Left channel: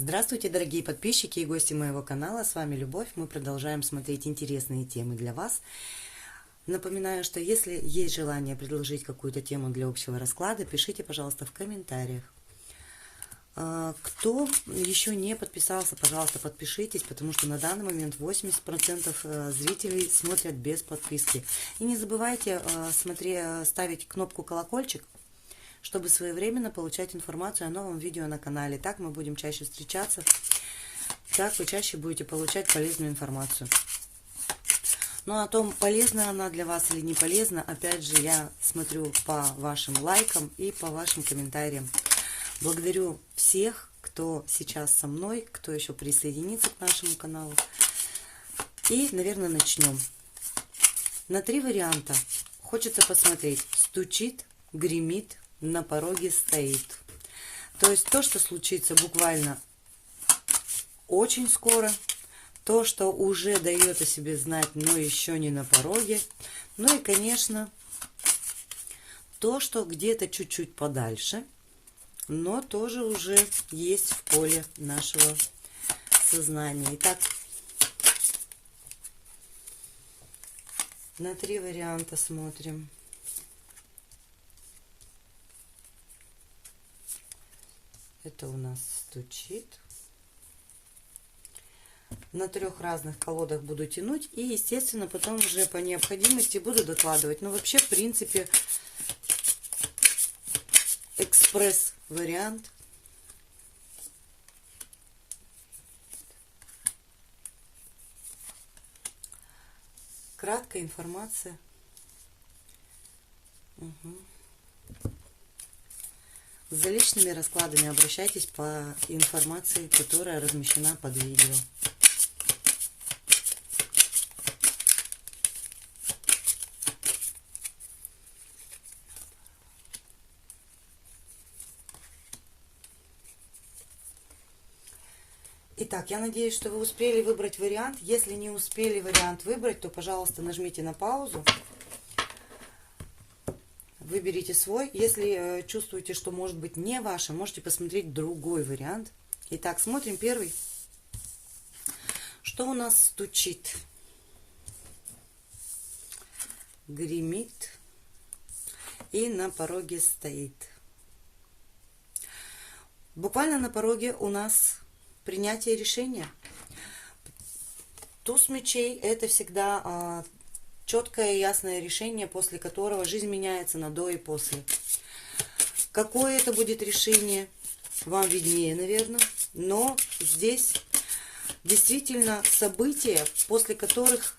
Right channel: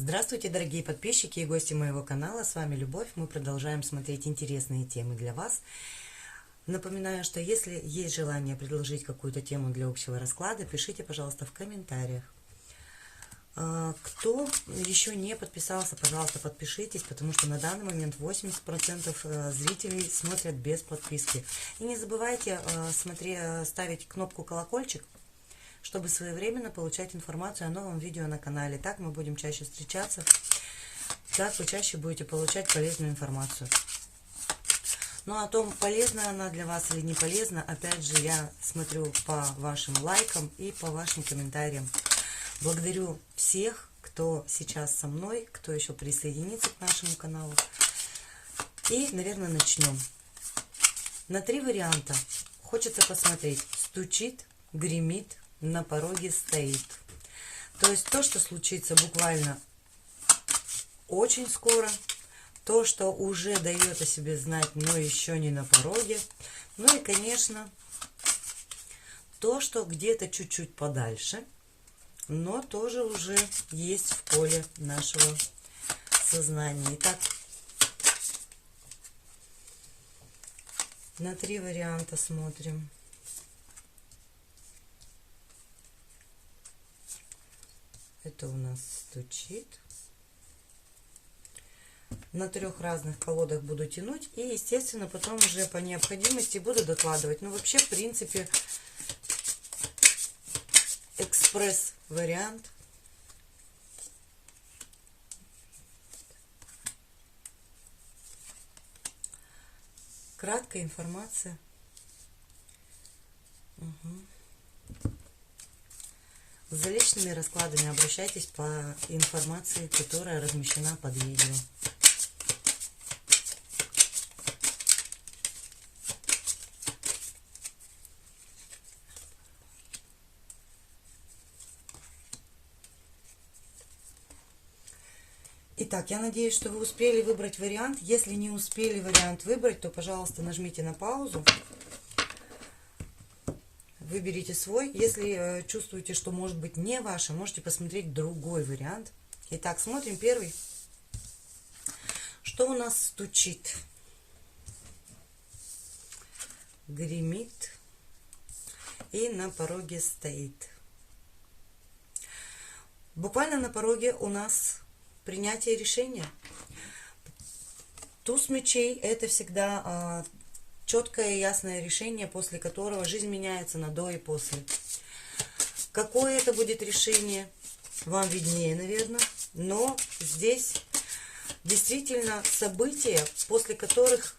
Здравствуйте, дорогие подписчики и гости моего канала. С вами Любовь. Мы продолжаем смотреть интересные темы для вас. Напоминаю, что если есть желание предложить какую-то тему для общего расклада, пишите, пожалуйста, в комментариях. Кто еще не подписался, пожалуйста, подпишитесь, потому что на данный момент 80% зрителей смотрят без подписки. И не забывайте ставить кнопку колокольчик, чтобы своевременно получать информацию о новом видео на канале. Так мы будем чаще встречаться, так вы чаще будете получать полезную информацию. Но о том, полезна она для вас или не полезна, опять же, я смотрю по вашим лайкам и по вашим комментариям. Благодарю всех, кто сейчас со мной, кто еще присоединится к нашему каналу. И, наверное, начнем. На 3 варианта хочется посмотреть: стучит, гремит, на пороге стоит. То есть то, что случится буквально очень скоро, то, что уже дает о себе знать, но еще не на пороге. Ну и, конечно, то, что где-то чуть-чуть подальше, но тоже уже есть в поле нашего сознания. Итак, на 3 варианта смотрим. Это у нас стучит. На 3 разных колодах буду тянуть. И, естественно, потом уже по необходимости буду докладывать. Но вообще, в принципе, экспресс-вариант. Краткая информация. За личными раскладами обращайтесь по информации, которая размещена под видео. Итак, я надеюсь, что вы успели выбрать вариант. Если не успели вариант выбрать, то, пожалуйста, нажмите на паузу. Выберите свой. Если чувствуете, что может быть не ваше, можете посмотреть другой вариант. Итак, смотрим первый. Что у нас стучит? Гремит и на пороге стоит. Буквально на пороге у нас принятие решения. Туз мечей — это всегда четкое и ясное решение, после которого жизнь меняется на до и после. Какое это будет решение, вам виднее, наверное. Но здесь действительно события, после которых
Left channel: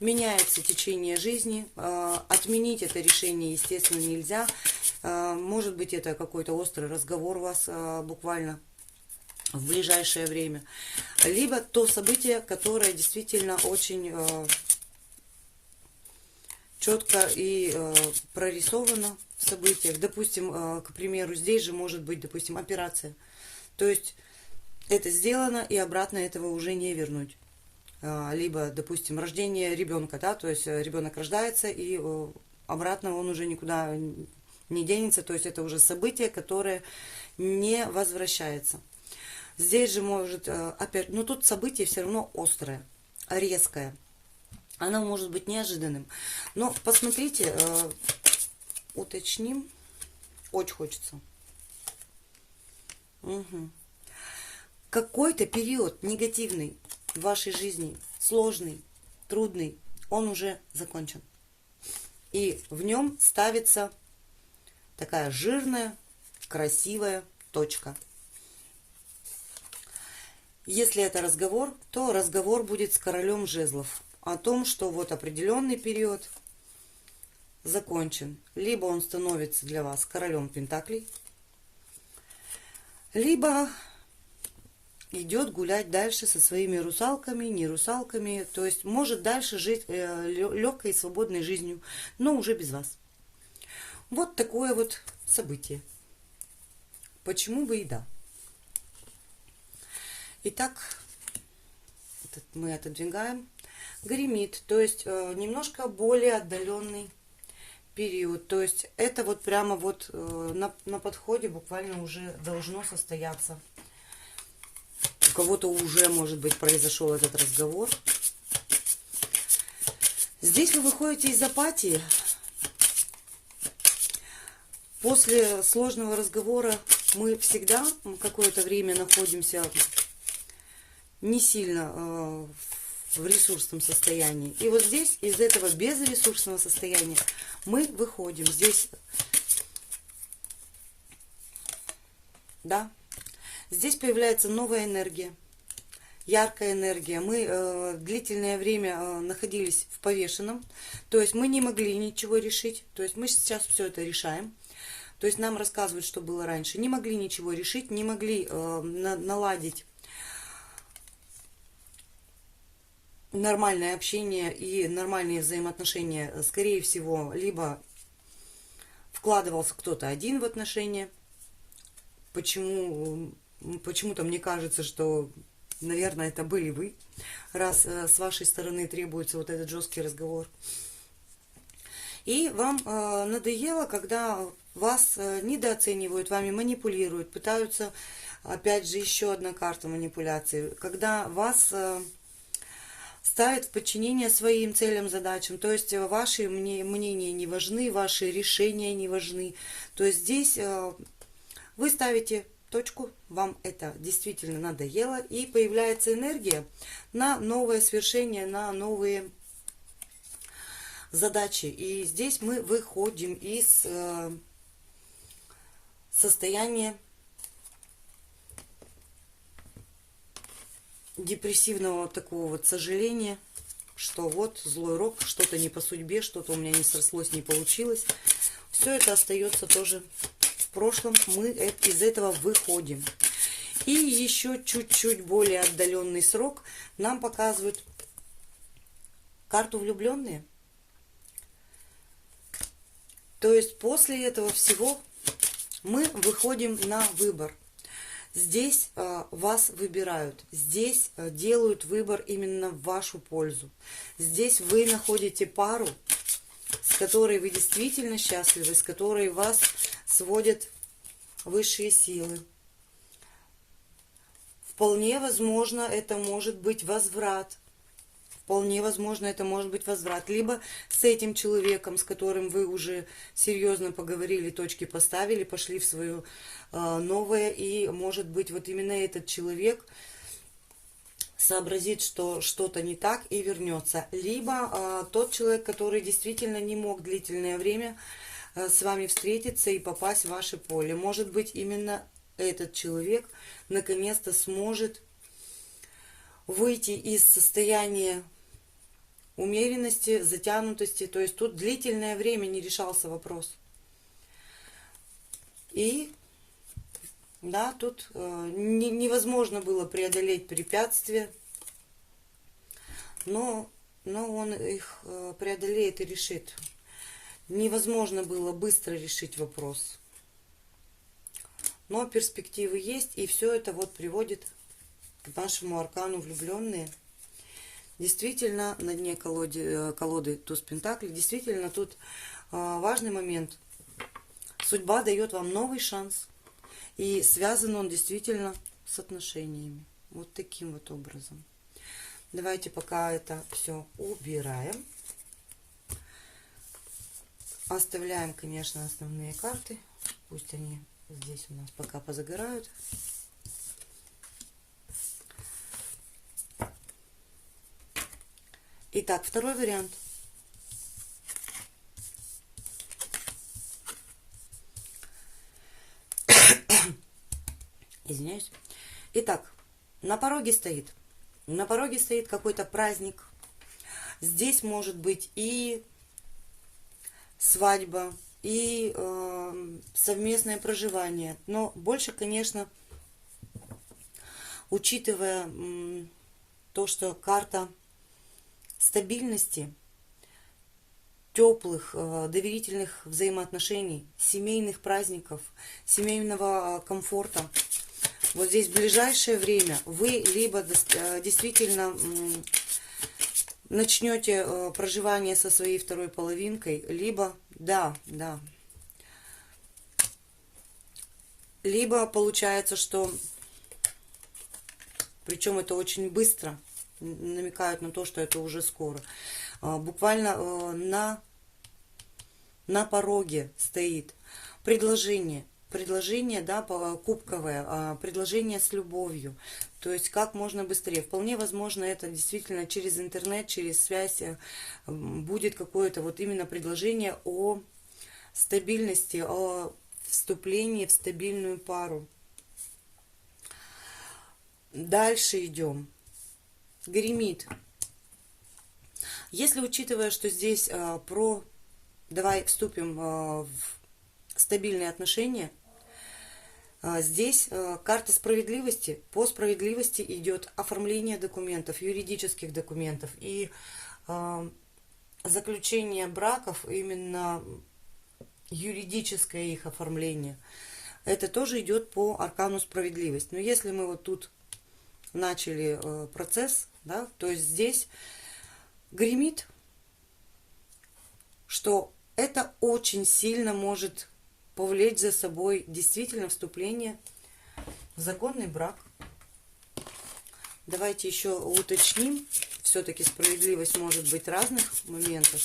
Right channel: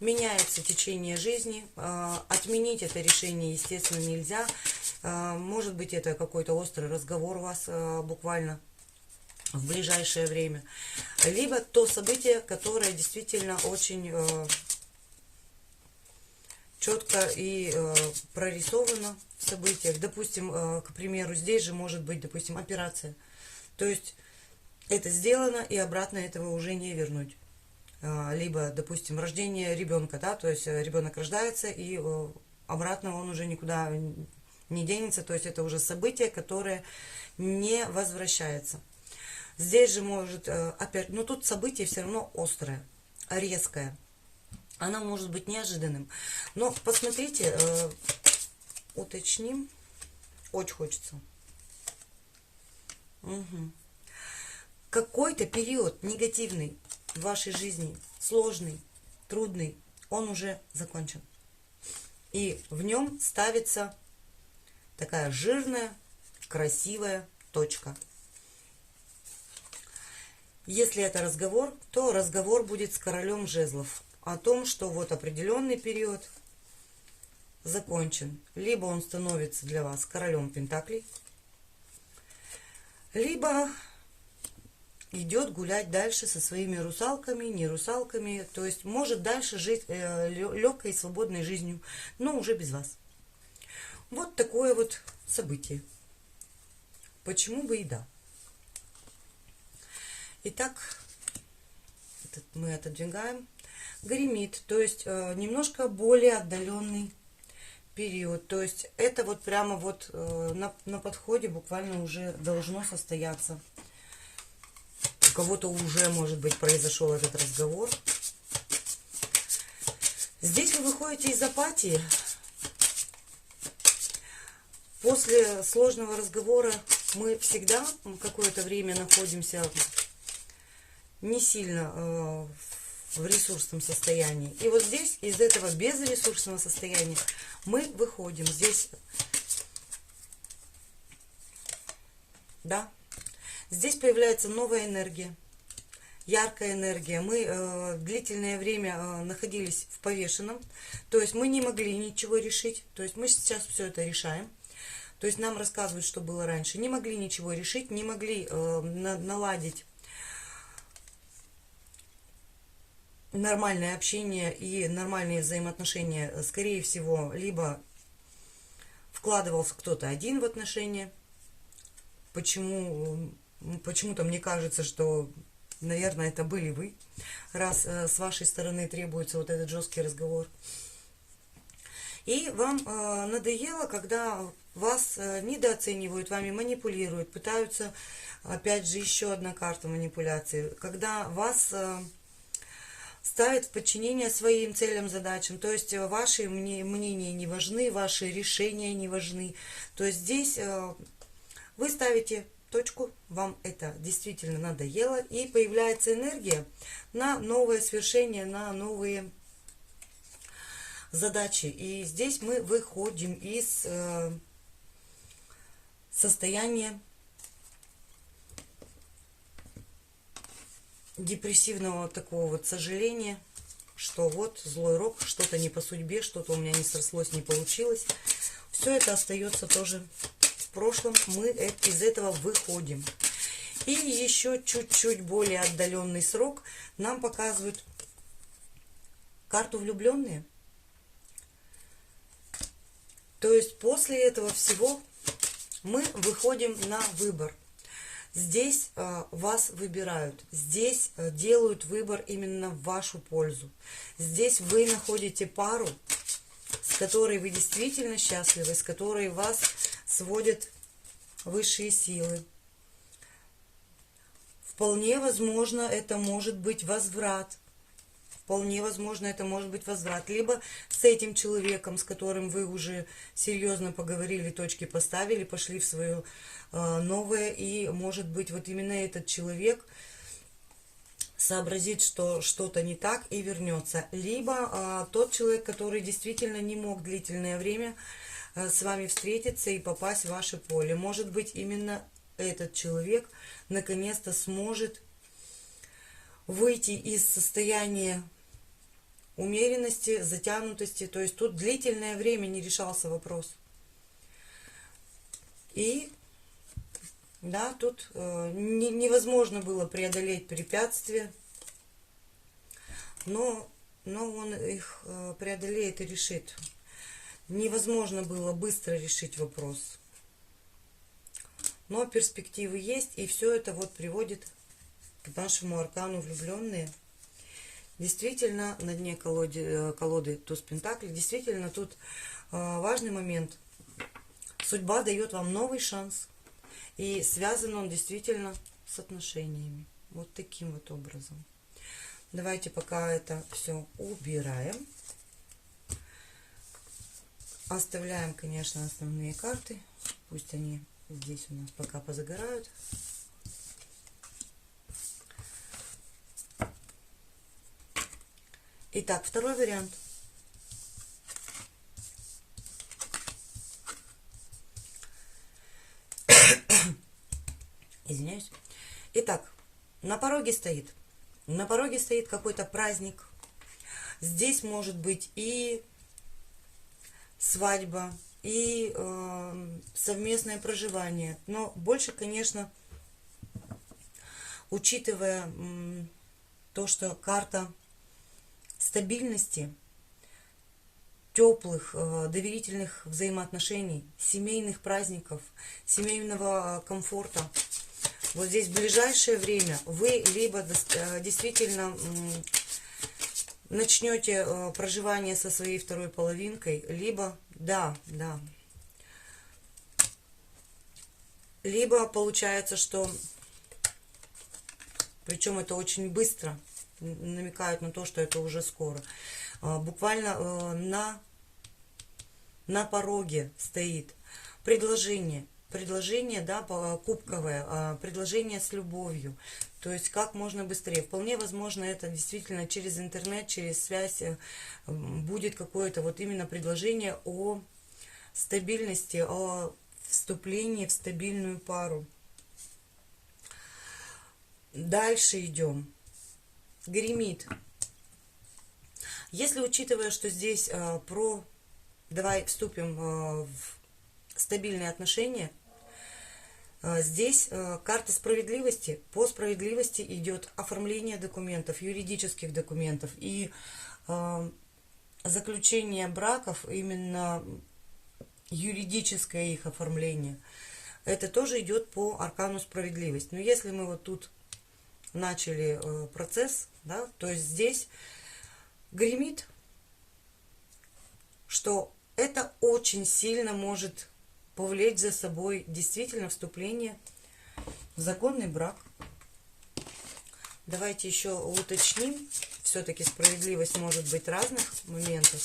меняется течение жизни. Отменить это решение, естественно, нельзя. Может быть, это какой-то острый разговор у вас буквально в ближайшее время. Либо то событие, которое действительно очень четко и прорисовано в событиях. Допустим, к примеру, здесь же может быть, допустим, операция. То есть это сделано, и обратно этого уже не вернуть. Либо, допустим, рождение ребенка, да, то есть ребенок рождается, и обратно он уже никуда не денется. То есть это уже событие, которое не возвращается. Здесь же может, опять, но тут событие все равно острое, резкое. Оно может быть неожиданным. Но посмотрите, уточним. Очень хочется. Какой-то период негативный в вашей жизни, сложный, трудный, он уже закончен. И в нем ставится такая жирная, красивая точка. Если это разговор, то разговор будет с королем жезлов о том, что вот определенный период закончен. Либо он становится для вас королем пентаклей, либо идет гулять дальше со своими русалками, не русалками. То есть может дальше жить легкой и свободной жизнью, но уже без вас. Вот такое вот событие. Почему бы и да. Итак, мы отодвигаем. Гремит, то есть немножко более отдаленный период. То есть это вот прямо вот на подходе буквально уже должно состояться. У кого-то уже, может быть, произошел этот разговор. Здесь вы выходите из апатии. После сложного разговора мы всегда какое-то время находимся не сильно в ресурсном состоянии. И вот здесь из этого безресурсного состояния мы выходим. Здесь, да, здесь появляется новая энергия, яркая энергия. Мы длительное время находились в повешенном, то есть мы не могли ничего решить, то есть мы сейчас все это решаем. То есть нам рассказывают, что было раньше. Не могли ничего решить, не могли наладить нормальное общение и нормальные взаимоотношения. Скорее всего, либо вкладывался кто-то один в отношения. Почему-то мне кажется, что, наверное, это были вы, раз с вашей стороны требуется вот этот жесткий разговор. И вам надоело, когда вас недооценивают, вами манипулируют, пытаются, опять же, еще одна карта манипуляции, когда вас ставят в подчинение своим целям, задачам, то есть ваши мнения не важны, ваши решения не важны. То есть здесь вы ставите точку, вам это действительно надоело, и появляется энергия на новое свершение, на новые задачи. И здесь мы выходим из состояния депрессивного такого вот сожаления, что вот злой рок, что-то не по судьбе, что-то у меня не срослось, не получилось. Все это остается тоже в прошлом, мы из этого выходим. И еще чуть-чуть более отдаленный срок нам показывают карту влюбленные. То есть после этого всего мы выходим на выбор. Здесь вас выбирают, здесь делают выбор именно в вашу пользу. Здесь вы находите пару, с которой вы действительно счастливы, с которой вас сводят высшие силы. Вполне возможно, это может быть возврат. Вполне возможно, это может быть возврат. Либо с этим человеком, с которым вы уже серьезно поговорили, точки поставили, пошли в свое новое. И может быть, вот именно этот человек сообразит, что что-то не так и вернется. Либо тот человек, который действительно не мог длительное время с вами встретиться и попасть в ваше поле. Может быть, именно этот человек наконец-то сможет выйти из состояния умеренности, затянутости. То есть тут длительное время не решался вопрос. И да, тут невозможно было преодолеть препятствия, но он их преодолеет и решит. Невозможно было быстро решить вопрос. Но перспективы есть, и все это вот приводит к нашему аркану влюбленные. Действительно, на дне колоды туз пентаклей, действительно, тут важный момент. Судьба дает вам новый шанс. И связан он действительно с отношениями. Вот таким вот образом. Давайте пока это все убираем. Оставляем, конечно, основные карты. Пусть они здесь у нас пока позагорают. Итак, второй вариант. Извиняюсь. Итак, на пороге стоит какой-то праздник. Здесь может быть и свадьба, и совместное проживание. Но больше, конечно, учитывая то, что карта стабильности, теплых, доверительных взаимоотношений, семейных праздников, семейного комфорта. Вот здесь в ближайшее время вы либо действительно начнете проживание со своей второй половинкой, либо, либо получается, что Причем это очень быстро, намекает на то, что это уже скоро. Буквально на пороге стоит предложение. Предложение, да, кубковое, предложение с любовью. То есть как можно быстрее. Вполне возможно, это действительно через интернет, через связь будет какое-то вот именно предложение о стабильности, о вступлении в стабильную пару. Дальше идем. Гремит. Если учитывая, что здесь давай вступим в стабильные отношения, здесь карта справедливости. По справедливости идет оформление документов, юридических документов и заключение браков, именно юридическое их оформление. Это тоже идет по аркану справедливость. Но если мы вот тут начали процесс, да, то есть здесь гремит, что это очень сильно может повлечь за собой действительно вступление в законный брак. Давайте еще уточним. Все-таки справедливость может быть в разных моментах.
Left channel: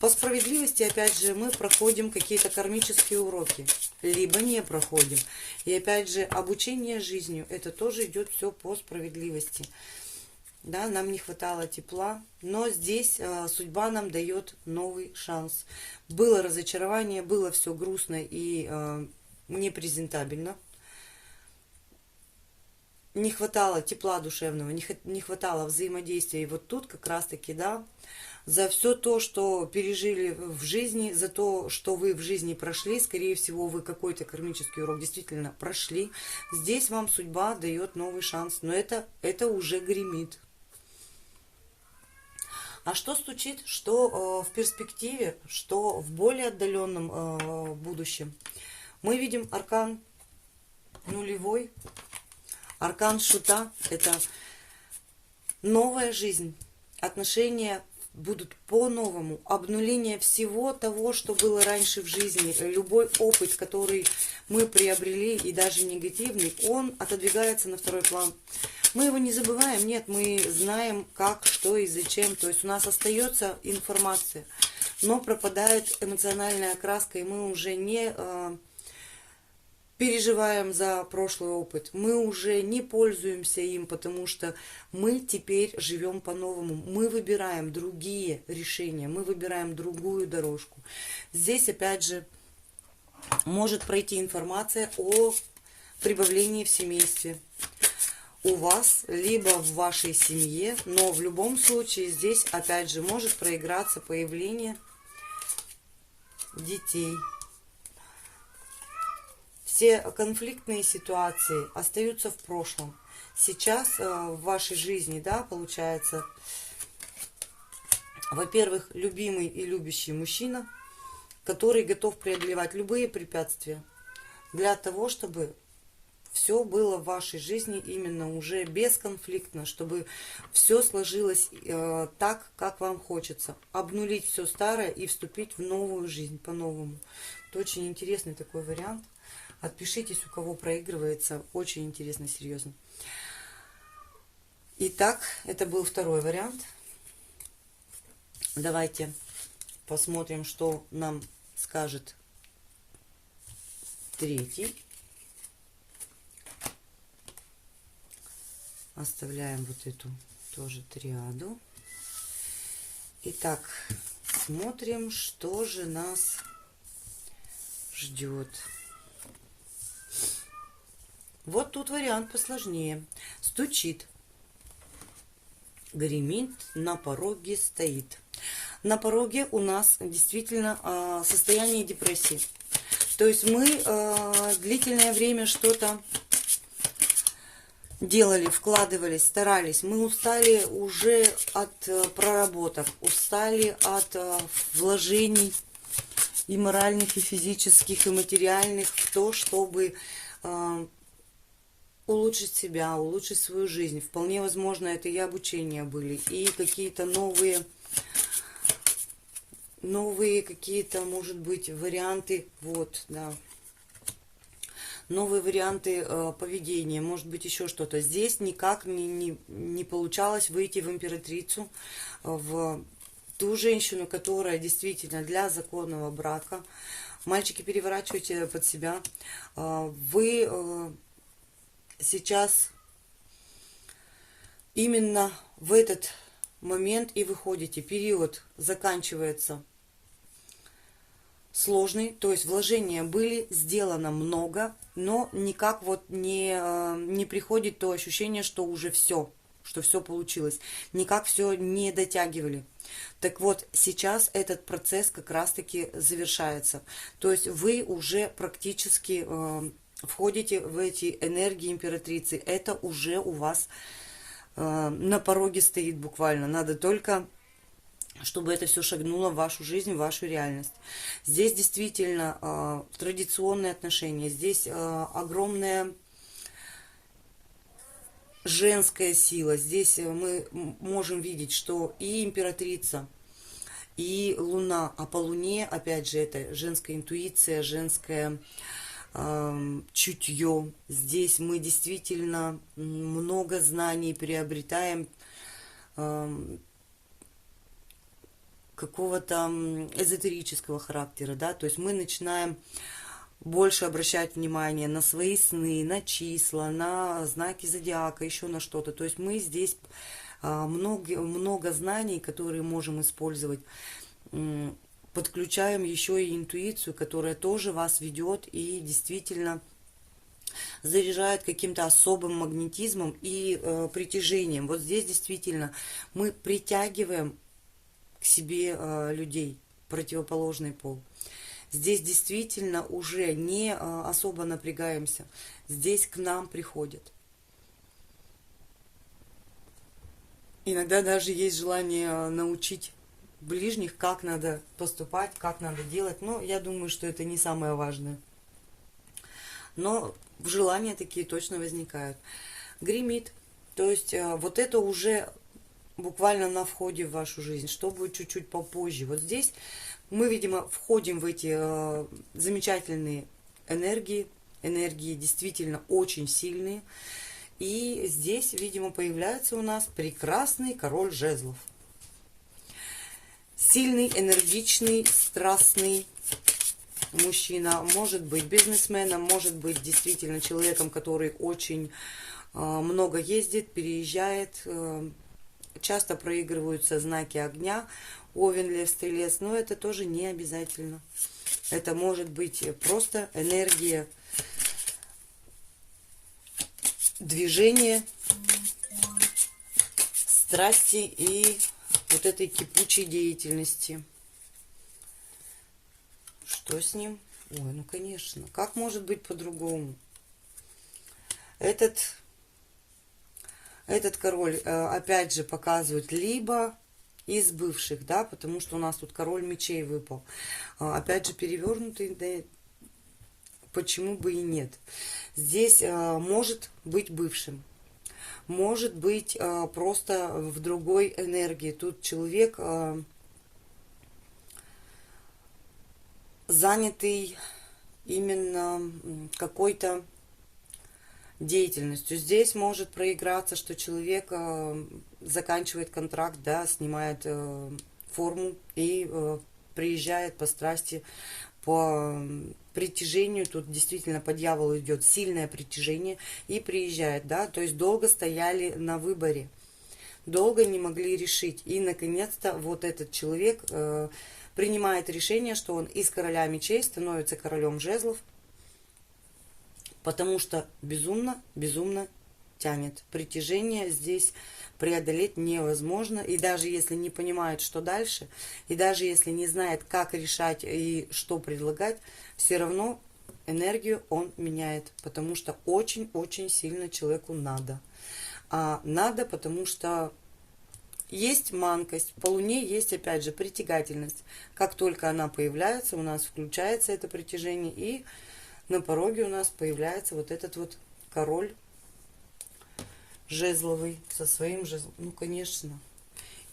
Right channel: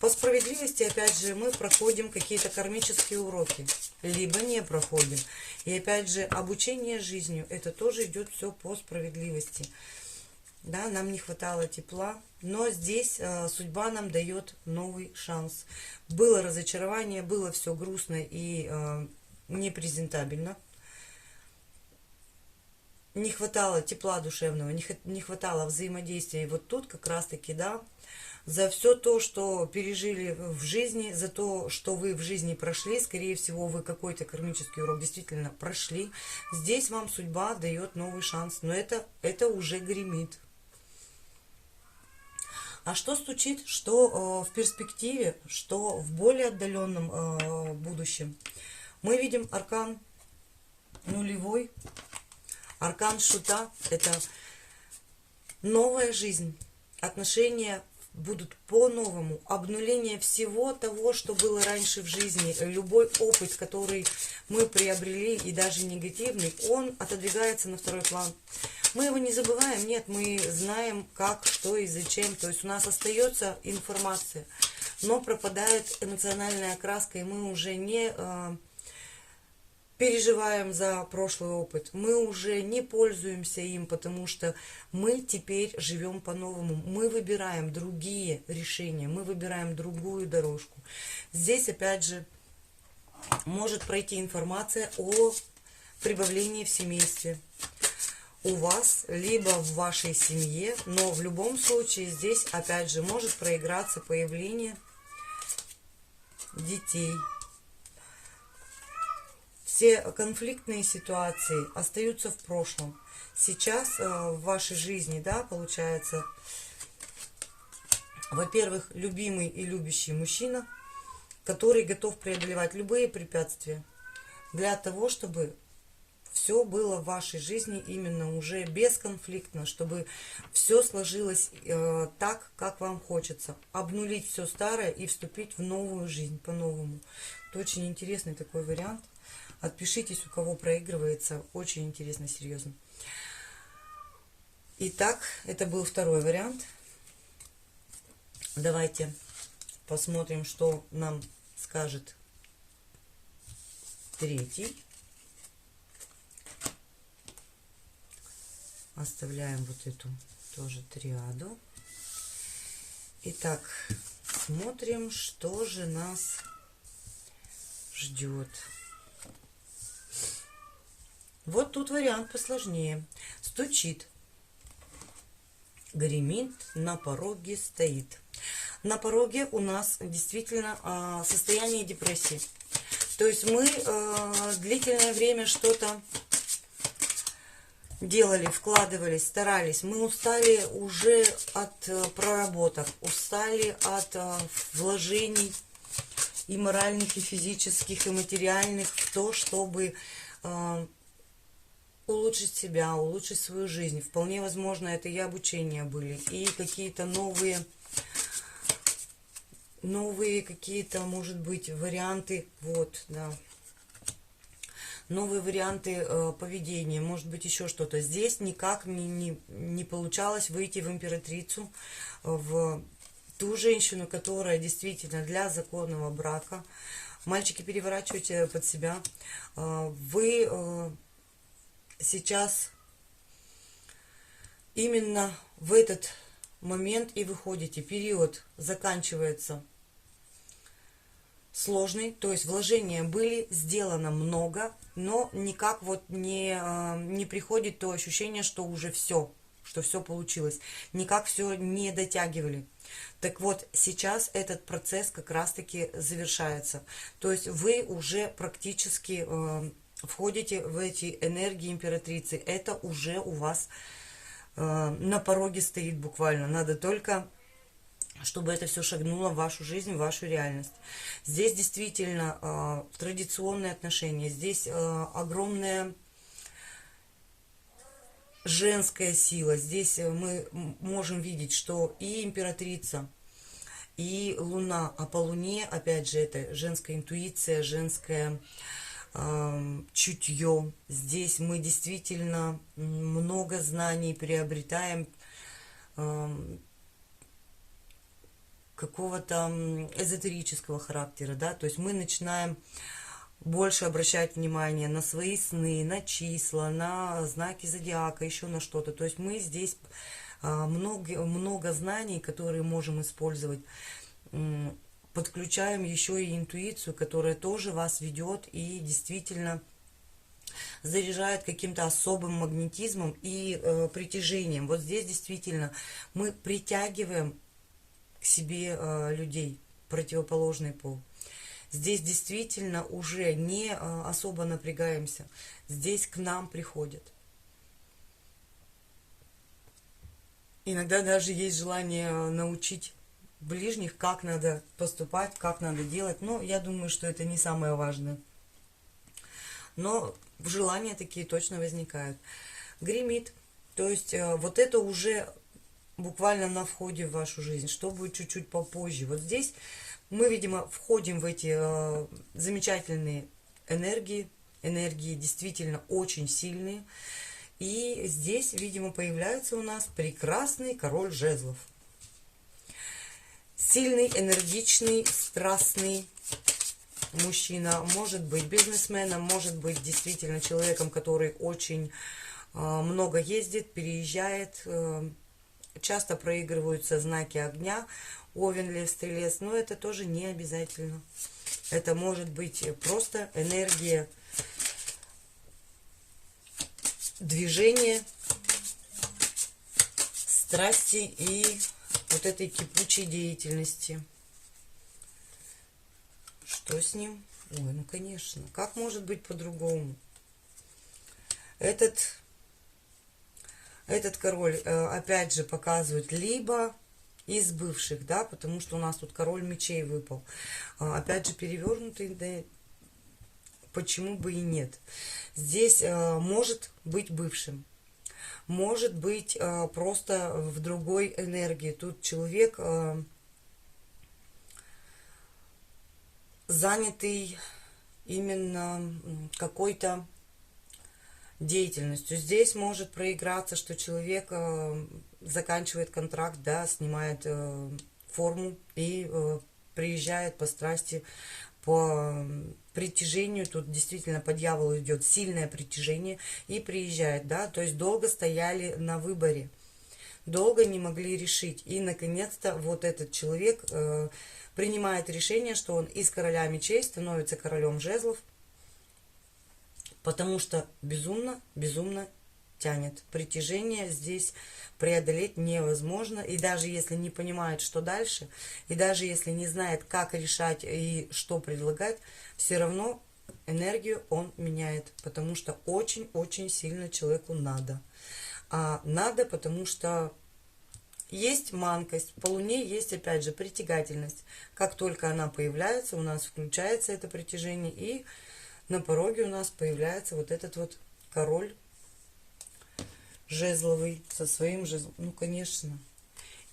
По справедливости, опять же, мы проходим какие-то кармические уроки, либо не проходим. И опять же, обучение жизнью, это тоже идет все по справедливости. Да, нам не хватало тепла, но здесь судьба нам дает новый шанс. Было разочарование, было все грустно и непрезентабельно. Не хватало тепла душевного, не хватало взаимодействия. И вот тут как раз-таки, да, за все то, что пережили в жизни, за то, что вы в жизни прошли, скорее всего, вы какой-то кармический урок действительно прошли. Здесь вам судьба дает новый шанс, но это уже гремит. А что стучит, что в перспективе, что в более отдаленном будущем? Мы видим аркан нулевой, аркан шута. Это новая жизнь, отношения будут по-новому, обнуление всего того, что было раньше в жизни. Любой опыт, который мы приобрели, и даже негативный, он отодвигается на второй план. Мы его не забываем, нет, мы знаем, как, что и зачем. То есть у нас остается информация, но пропадает эмоциональная окраска, и мы уже не переживаем за прошлый опыт. Мы уже не пользуемся им, потому что мы теперь живем по-новому. Мы выбираем другие решения, мы выбираем другую дорожку. Здесь, опять же, может пройти информация о прибавлении в семействе. У вас, либо в вашей семье, но в любом случае здесь, опять же, может проиграться появление детей. Все конфликтные ситуации остаются в прошлом. Сейчас в вашей жизни, да, получается, во-первых, любимый и любящий мужчина, который готов преодолевать любые препятствия для того, чтобы все было в вашей жизни именно уже бесконфликтно, чтобы все сложилось так, как вам хочется. Обнулить все старое и вступить в новую жизнь по-новому. Это очень интересный такой вариант. Отпишитесь, у кого проигрывается. Очень интересно, серьезно. Итак, это был второй вариант. Давайте посмотрим, что нам скажет третий. Оставляем вот эту тоже триаду. Итак, смотрим, что же нас ждет. Вот тут вариант посложнее. Стучит, гремит, на пороге стоит. На пороге у нас действительно состояние депрессии. То есть мы длительное время что-то делали, вкладывались, старались. Мы устали уже от проработок, устали от вложений и моральных, и физических, и материальных в то, чтобы улучшить себя, улучшить свою жизнь. Вполне возможно, это и обучения были, и какие-то новые какие-то, может быть, варианты. Вот, да. новые варианты поведения, может быть еще что-то. Здесь никак не получалось выйти в императрицу, в ту женщину, которая действительно для законного брака. Мальчики, переворачивайте под себя. Вы сейчас именно в этот момент и выходите. Период заканчивается сложный, то есть вложения были, сделано много, но никак вот не приходит то ощущение, что уже все, что все получилось. Никак все не дотягивали. Так вот, сейчас этот процесс как раз-таки завершается. То есть вы уже практически входите в эти энергии императрицы. Это уже у вас на пороге стоит буквально. Надо только, чтобы это все шагнуло в вашу жизнь, в вашу реальность. Здесь действительно традиционные отношения. Здесь огромная женская сила. Здесь мы можем видеть, что и императрица, и Луна, а по Луне, опять же, это женская интуиция, женское чутье. Здесь мы действительно много знаний приобретаем, какого-то эзотерического характера, да, то есть мы начинаем больше обращать внимание на свои сны, на числа, на знаки зодиака, еще на что-то. То есть мы здесь много знаний, которые можем использовать. Подключаем еще и интуицию, которая тоже вас ведет и действительно заряжает каким-то особым магнетизмом и притяжением. Вот здесь действительно мы притягиваем к себе людей, противоположный пол. Здесь действительно уже не особо напрягаемся. Здесь к нам приходят. Иногда даже есть желание научить ближних, как надо поступать, как надо делать. Но я думаю, что это не самое важное. Но желания такие точно возникают. Гремит. То есть вот это уже буквально на входе в вашу жизнь. Что будет чуть-чуть попозже. Вот здесь мы, видимо, входим в эти замечательные энергии. Энергии действительно очень сильные. И здесь, видимо, появляется у нас прекрасный король жезлов. Сильный, энергичный, страстный мужчина. Может быть бизнесменом, может быть действительно человеком, который очень много ездит, переезжает. Часто проигрываются знаки огня. Овен, Лев, Стрелец. Но это тоже не обязательно. Это может быть просто энергия движения, страсти и вот этой кипучей деятельности. Что с ним? Ой, ну конечно. Как может быть по-другому? Этот король, опять же, показывает либо из бывших, да, потому что у нас тут король мечей выпал. Опять же, перевернутый, да, почему бы и нет. Здесь может быть бывшим. Может быть просто в другой энергии. Тут человек занятый именно какой-то деятельностью. Здесь может проиграться, что человек заканчивает контракт, да, снимает форму и приезжает по страсти, по притяжению. Тут действительно по дьяволу идет сильное притяжение и приезжает, да, то есть долго стояли на выборе, долго не могли решить. И наконец-то вот этот человек принимает решение, что он из короля мечей становится королем жезлов, потому что безумно тянет. Притяжение здесь преодолеть невозможно. И даже если не понимает, что дальше, и даже если не знает, как решать и что предлагать, все равно энергию он меняет, потому что очень-очень сильно человеку надо. А надо, потому что есть манкость, по Луне есть, опять же, притягательность. Как только она появляется, у нас включается это притяжение, и на пороге у нас появляется вот этот вот король жезловый со своим жезлом. Ну, конечно.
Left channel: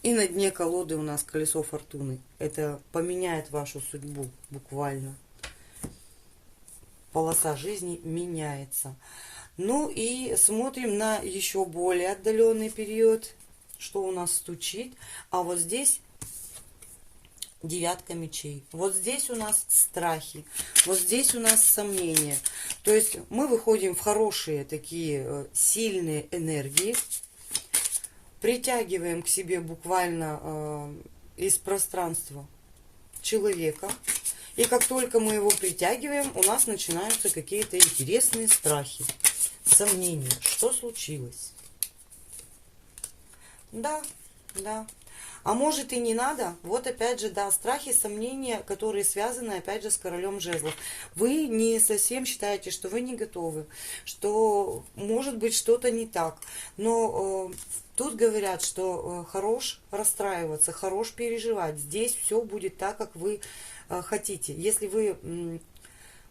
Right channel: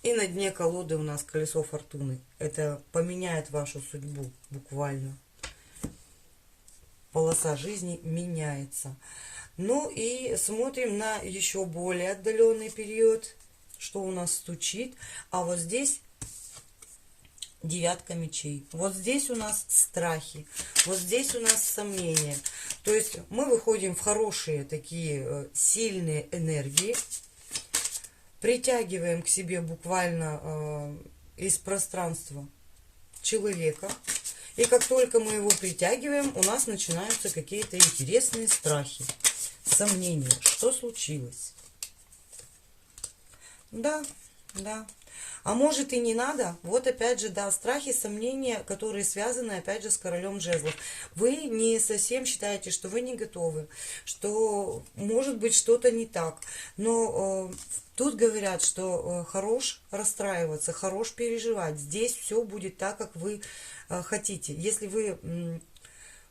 И на дне колоды у нас колесо фортуны. Это поменяет вашу судьбу буквально. полоса жизни меняется. Ну и смотрим на еще более отдаленный период, что у нас стучит. А вот здесь девятка мечей. Вот здесь у нас страхи. Вот здесь у нас сомнения. То есть мы выходим в хорошие такие сильные энергии. Притягиваем к себе буквально из пространства человека. И как только мы его притягиваем, у нас начинаются какие-то интересные страхи, сомнения. Что случилось? Да, да. А может и не надо. Вот опять же, да, страхи, сомнения, которые связаны опять же с королем жезлов. Вы не совсем считаете, что вы не готовы, что может быть что-то не так. Но тут говорят, что хорош расстраиваться, хорош переживать. Здесь все будет так, как вы хотите. Если вы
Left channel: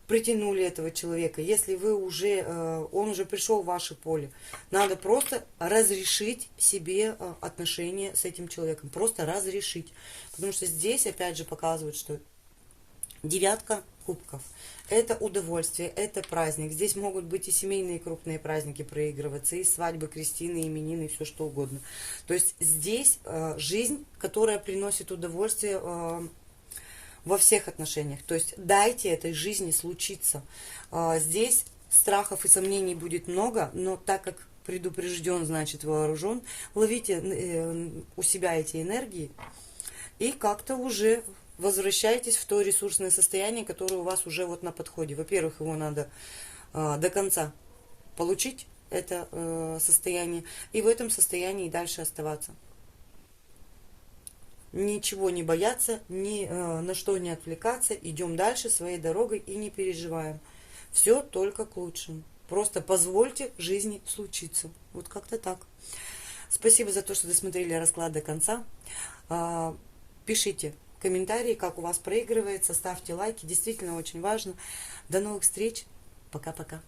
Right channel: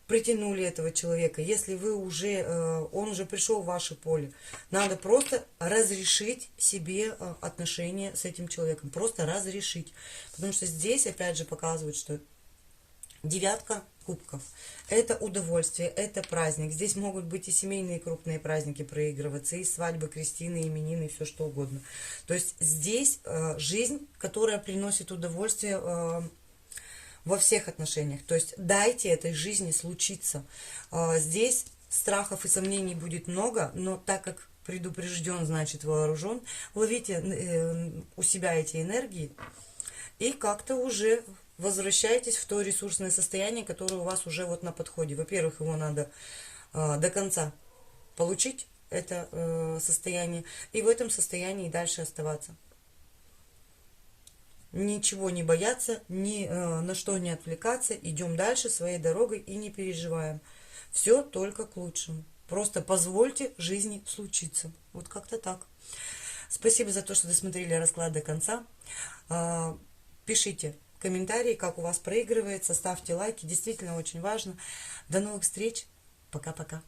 притянули этого человека, если вы уже, он уже пришел в ваше поле, надо просто разрешить себе отношения с этим человеком. Просто разрешить. Потому что здесь опять же показывают, что девятка кубков. Это удовольствие, это праздник. Здесь могут быть и семейные крупные праздники проигрываться, и свадьбы, крестины, именины, все что угодно. То есть здесь жизнь, которая приносит удовольствие во всех отношениях. То есть дайте этой жизни случиться. Здесь страхов и сомнений будет много, но так как предупрежден, значит вооружен, ловите у себя эти энергии и как-то уже возвращайтесь в то ресурсное состояние, которое у вас уже вот на подходе. Во-первых, его надо до конца получить, это состояние, и в этом состоянии дальше оставаться. Ничего не бояться, ни на что не отвлекаться, идем дальше своей дорогой и не переживаем. Все только к лучшему. Просто позвольте жизни случиться. Вот как-то так. Спасибо за то, что досмотрели расклад до конца. Пишите комментарии, как у вас проигрывается, ставьте лайки. Действительно очень важно. До новых встреч. Пока-пока.